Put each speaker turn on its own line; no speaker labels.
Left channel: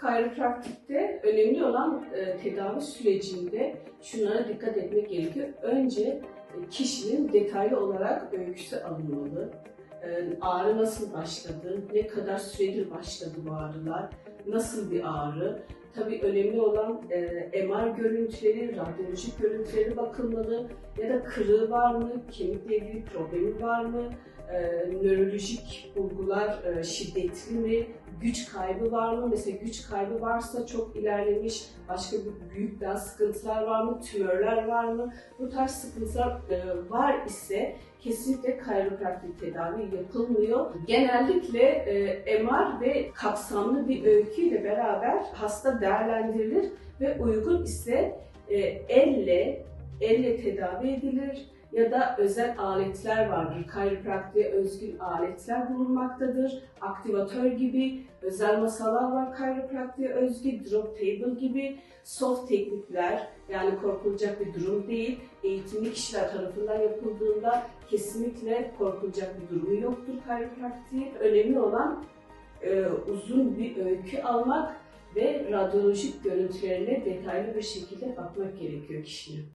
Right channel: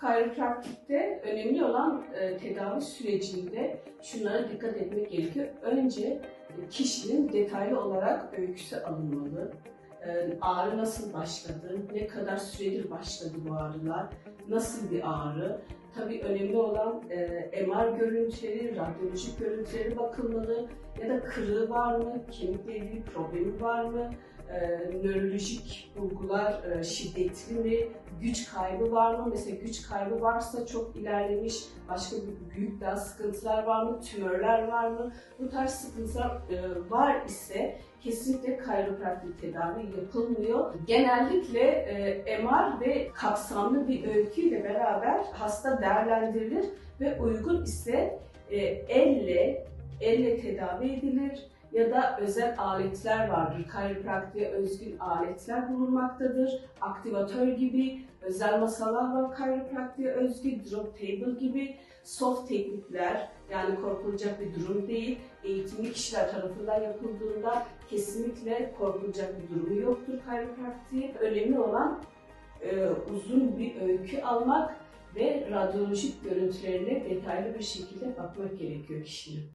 Kayropraktikte önemli olan e, tedavi sürecinde şunlara dikkat etmek gerekiyor. Önce e, kişinin detaylı olarak öyküsü alınmalı. E, ağrı nasıl başladı, ne kadar süredir başladı bu ağrılar, nasıl bir ağrı. Tabii önemli olan e, MR görüntüleri, radyolojik görüntüleri bakılmalı ya da kırığı var mı, kemikle ilgili problemi var mı, e, nörolojik bulgular e, şiddetli mi, güç kaybı var mı? Mesela güç kaybı varsa çok ilerlemiş, başka büyük daha sıkıntılar var mı, tümörler var mı? Bu tarz sıkıntılar e, var ise kesinlikle kayropraktik tedavi yapılmıyor. Genellikle e, MR ve kapsamlı bir öyküyle beraber hasta değerlendirilir ve uygun ise e, elle elle tedavi edilir ya da özel aletler vardır. Kayropraktiğe özgün aletler bulunmaktadır. Aktivatör gibi özel masalar var kayropraktiğe özgü, drop table gibi soft teknikler yani korkulacak bir durum değil. Eğitimli kişiler tarafından yapıldığında kesinlikle korkulacak bir durumu yoktur kayropraktiğin. Önemli olan e, uzun bir öykü almak ve radyolojik görüntülerine detaylı bir şekilde bakmak gerekiyor kişinin.